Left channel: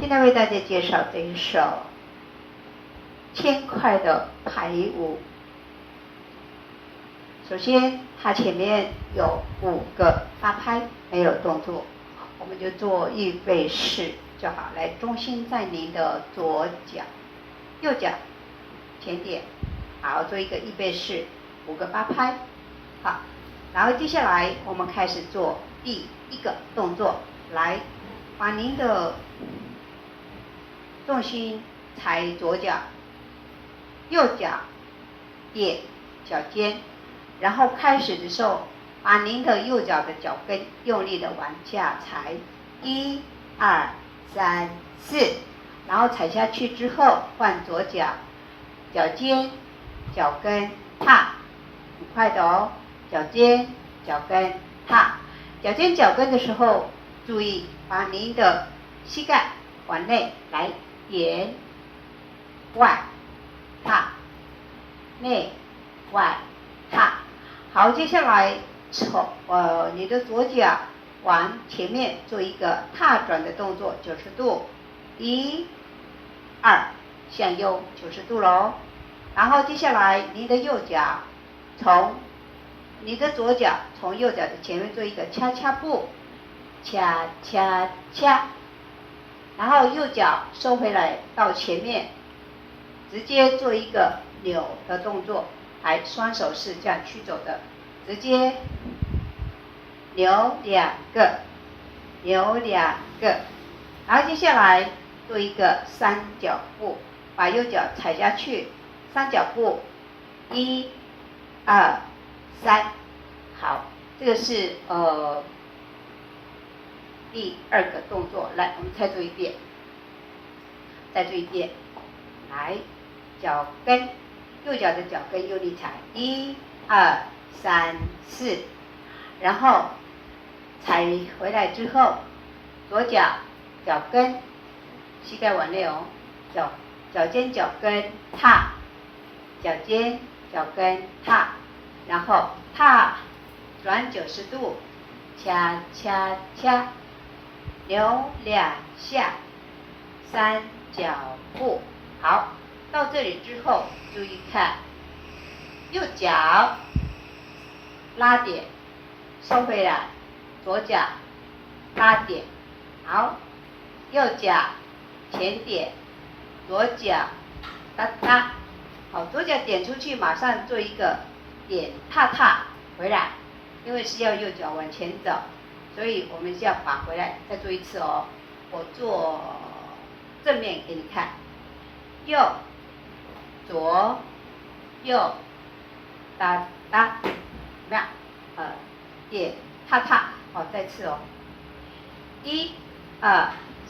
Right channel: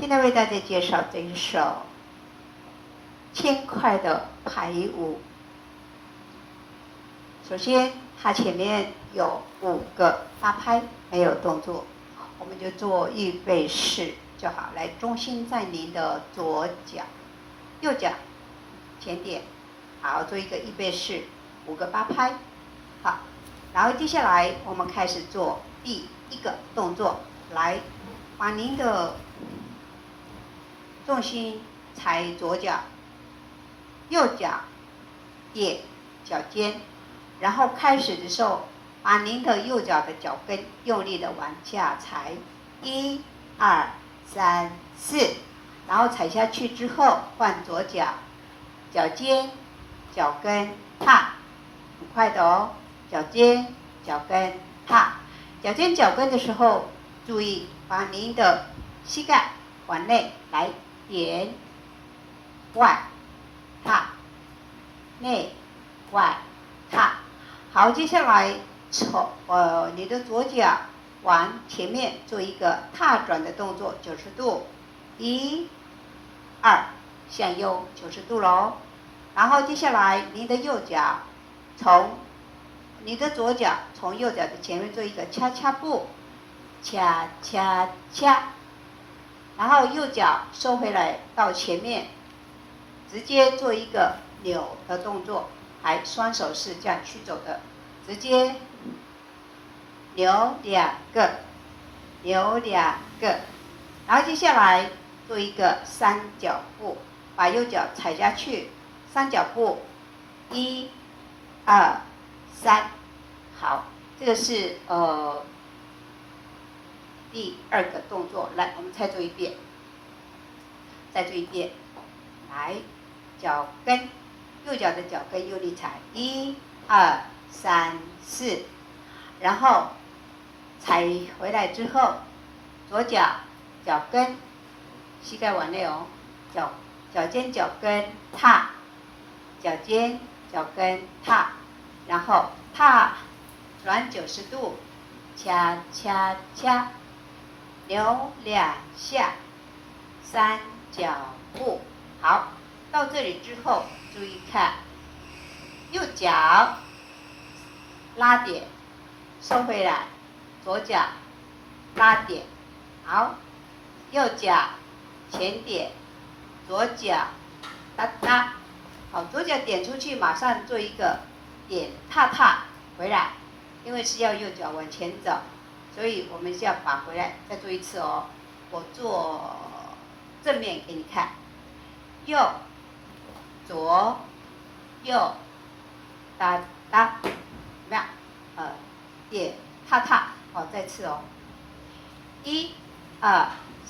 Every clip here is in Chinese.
现在为大家介绍这一首轻快的排舞。首先，它前面有5个8拍，没有动作，我们就做预备式就好。来，中心在您的左脚，右脚前点，好，做一个预备式，5个8拍，好。然后接下来我们开始做第1个动作，来，把您的重心踩左脚，右脚点脚尖，然后开始的时候，把您的右脚的脚跟用力的往下踩，1、2、3、4，然后踩下去之后换左脚，脚尖、脚跟踏，很快的哦，脚尖、脚跟踏，脚尖、脚跟的时候，注意把您的膝盖往内来点，外踏，内外踏。好，接下来从你的左脚往前面做一个踏转的动作，90度，1、2，向右90度喽。然后接下来你的右脚从你的左脚从右脚的前面做一个恰恰步，恰恰恰，然后右脚收回来到前面，直接做一个扭的动作，来，双手是这样去走的，直接扭2个，扭2个，然后接下来做一个三角步，把右脚踩下去，三角步，1、2、3，好，这个是第2个动作。来，我们再做一遍，再做一遍，来，脚跟，右脚的脚跟用力踩，1、2、3、4，然后踩回来之后，左脚脚跟，膝盖往内哦，脚尖脚跟踏，脚尖脚跟踏，然后踏转90度，恰恰恰，扭2下，三角步。好，到这里之后，注意看，右脚拉点，收回来，左脚拉点，好，右脚前点，左脚哒哒，好，左脚点出去，马上做一个点踏踏回来，因为是要右脚往前走，所以我们是要把回来。再做一次哦，我做正面给你看，右左右哒哒，怎么样？点踏踏，好，再次哦，1、2、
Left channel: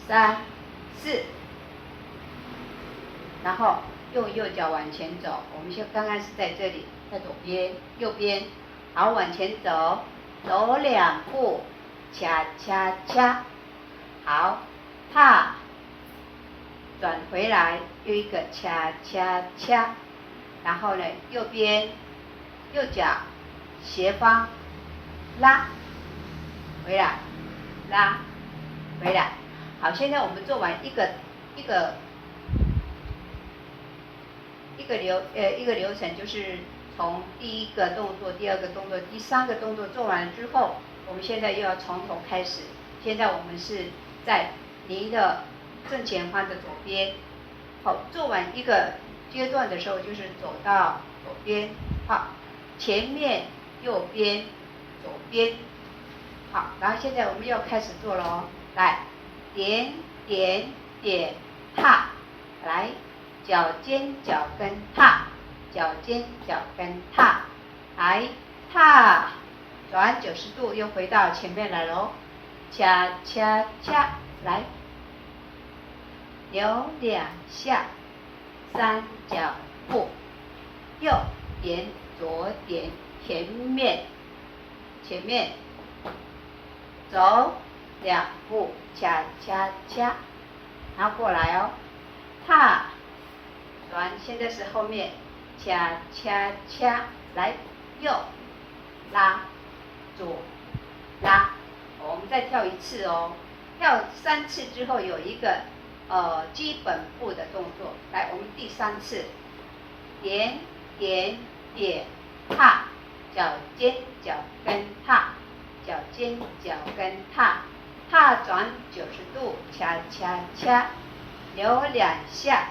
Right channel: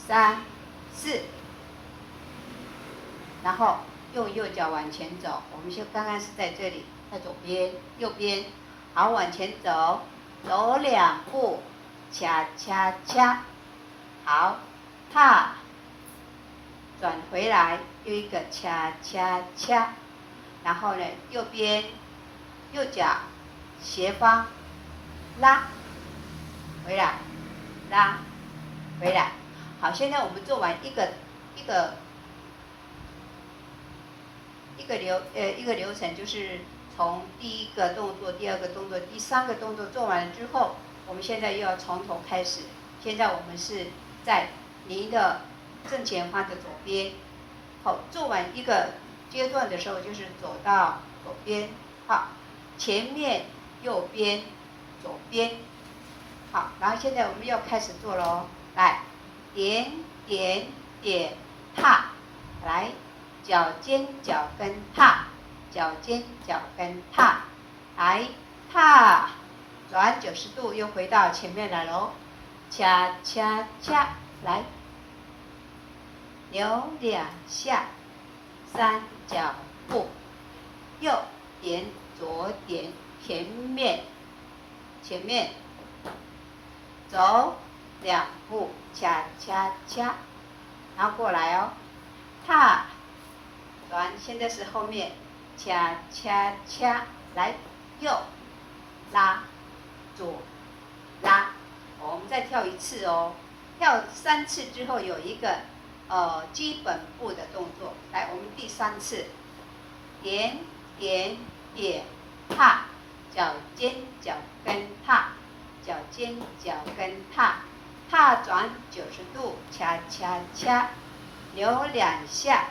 3、4，然后用右脚往前走。我们刚刚是在这里，在左边，右边，好，往前走，走2步，恰恰恰，好，踏，转回来，又一个恰恰恰，然后呢，右边，右脚斜方拉回来，拉回来。好，现在我们做完一个流程，就是从第1个动作、第2个动作、第3个动作做完了之后，我们现在又要从头开始。现在我们是在您的正前方的左边。好，做完一个阶段的时候，就是走到左边，好，前面右边左边，好，然后现在我们要开始做了哦。来，点点点踏，来，脚尖脚跟踏，脚尖脚跟踏，来踏，转90度，又回到前面来喽，恰恰恰，来，扭2下，三角步，右点左点，前面走2步，恰恰恰，然后过来哦，踏转，现在是后面，恰恰恰，来，右拉，左拉，我们再跳一次哦，跳3次之后有一个基本步的动作。来，我们第3次，点点点踏，脚尖脚跟踏，脚尖脚跟踏，踏转90度，恰恰恰，留2下，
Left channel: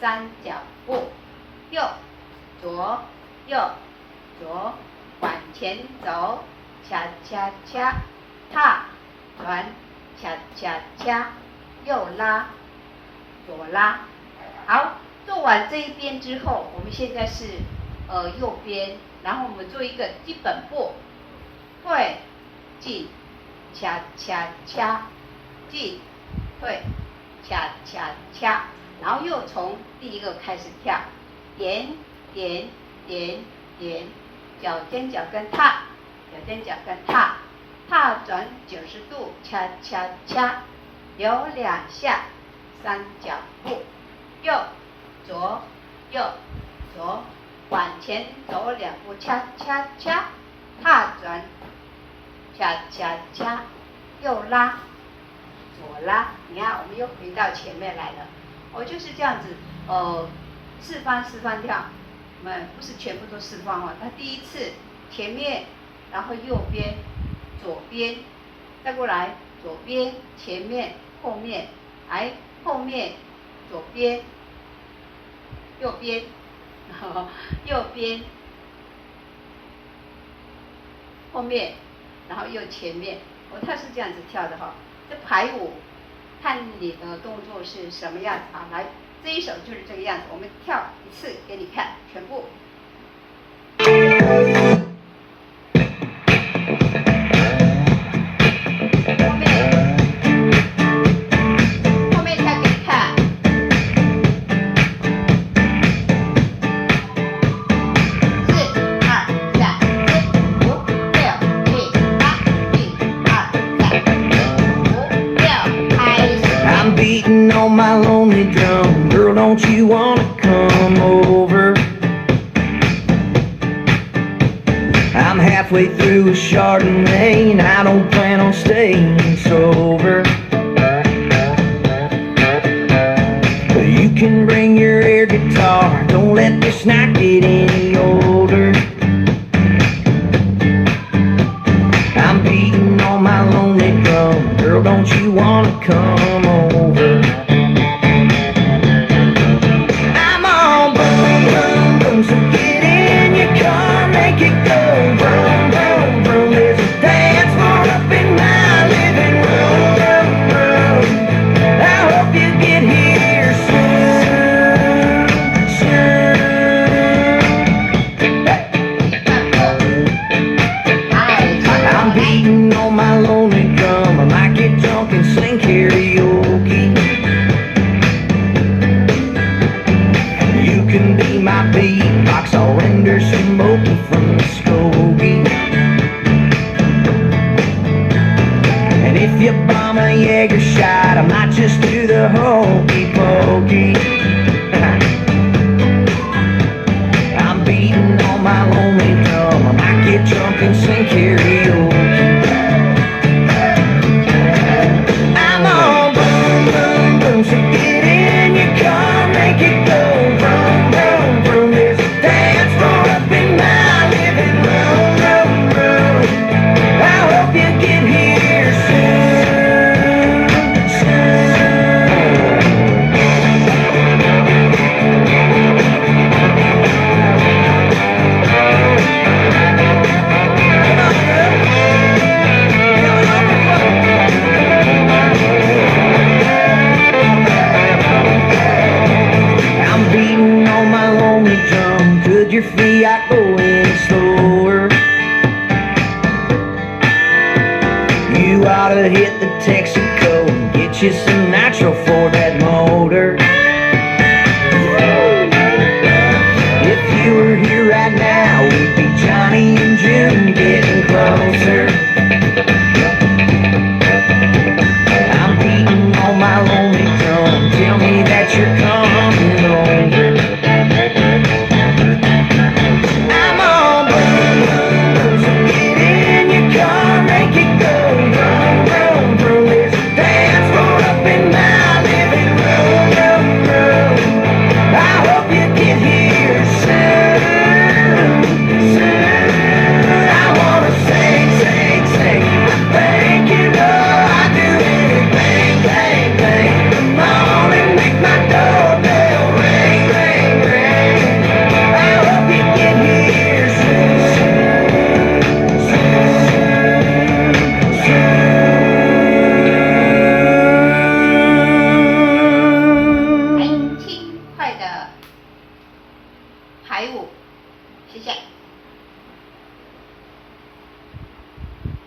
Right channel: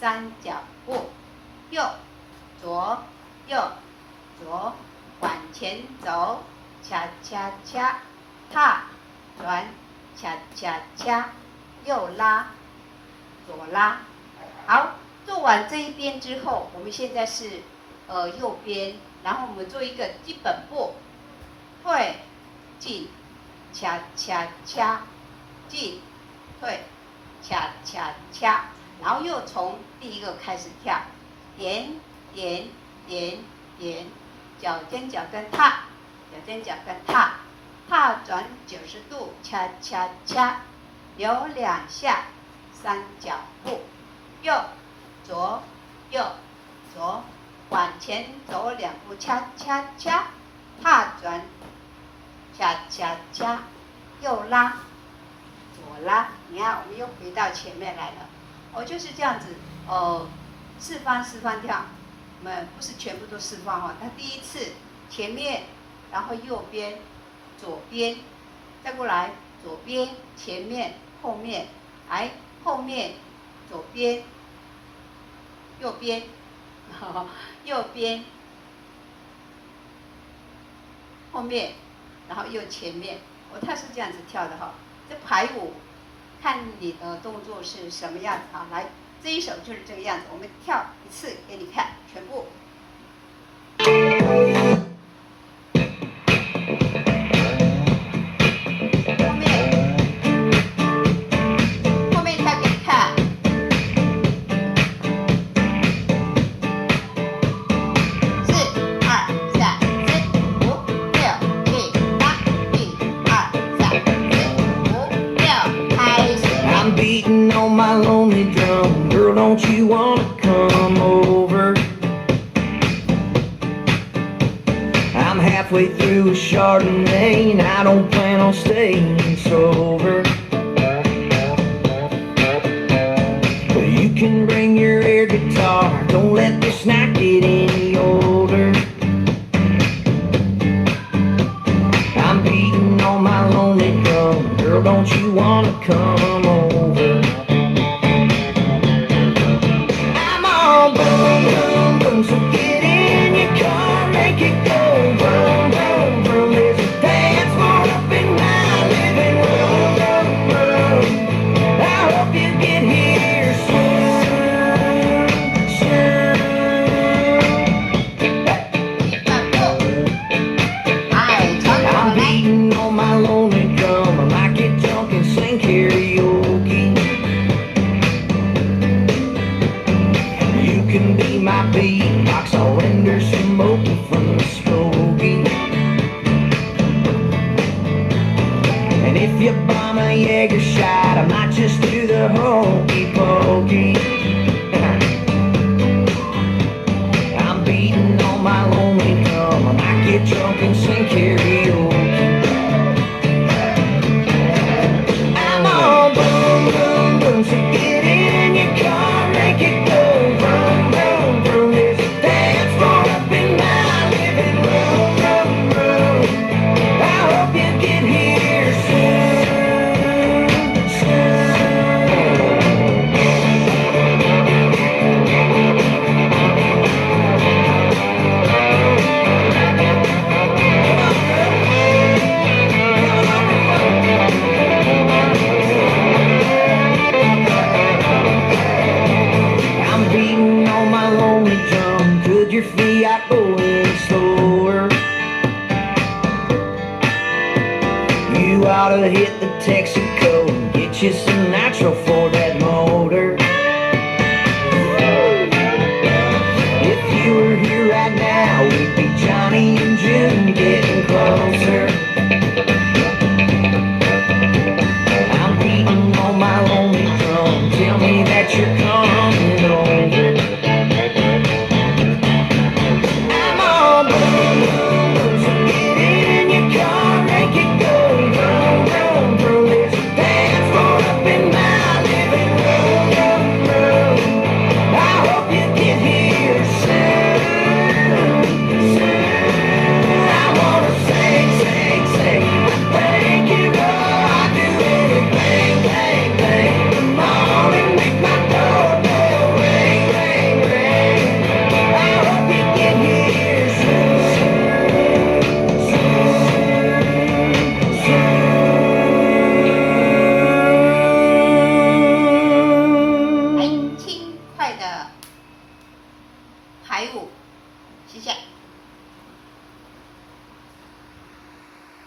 三脚步，右左右左，往前走，恰恰恰，踏转，恰恰恰，右拉左拉。好，做完这一边之后，我们现在是右边，然后我们做一个基本步，退进恰恰恰，进退恰恰恰，然后又从第一个开始跳，点点点点，脚尖脚跟踏，脚尖脚跟踏，踏转90度，恰恰恰，留2下，三脚步，右左右左，往前走2步，恰恰恰，踏转，恰恰恰，右拉左拉。你看，我们又回到前面来了。就是这样子，四方跳。我们不是全部都四方哦。它第一次前面，然后右边、左边，再过来左边、前面、后面，来后面、左边、右边，右边、后面，然后又前面。它是这样子跳的哈。这排舞，看你的动作是什么样子啊？来。这一首就是这个样子，我们跳1次给你看，全部。后面跳给你看。4、2、3、4、5、6、7、8，1、2、3、4、5、6，开始。I'm beating on my lonely drum. Girl, don't you wanna come over? I'm halfway through a Chardonnay, and I don't plan on staying sober. But you can bring your air guitar, don't let this night get any older. I'm beating on my lonely drum. Girl, don't you wanna come over? So get in your car, make it go vroom, vroom, vroom. There's a dance floor up in my living room, room, room. I hope you get here soon, soon. I'm beating on my lonely drum. I might get drunk and sing karaoke. You can be my beatbox, I'll render smoky from the Skokie. And if you bomb a Jaeger shot, I might just do the hokey pokey. I'm beating on my lonely drum, I might get drunk and sing karaoke. I'm all boom, boom, boom, so get in your car, make it go vroom, vroom, vroom. There's a dance floor up in my living room, room, room. I hope you get here soon, soon. I'm beating on my lonely drum. Could your Fiat go any slower? You ought to hit the Texaco and get you some nitro for that motor. If you were here right now, we'd be Johnny and June getting closer. I'm beating on my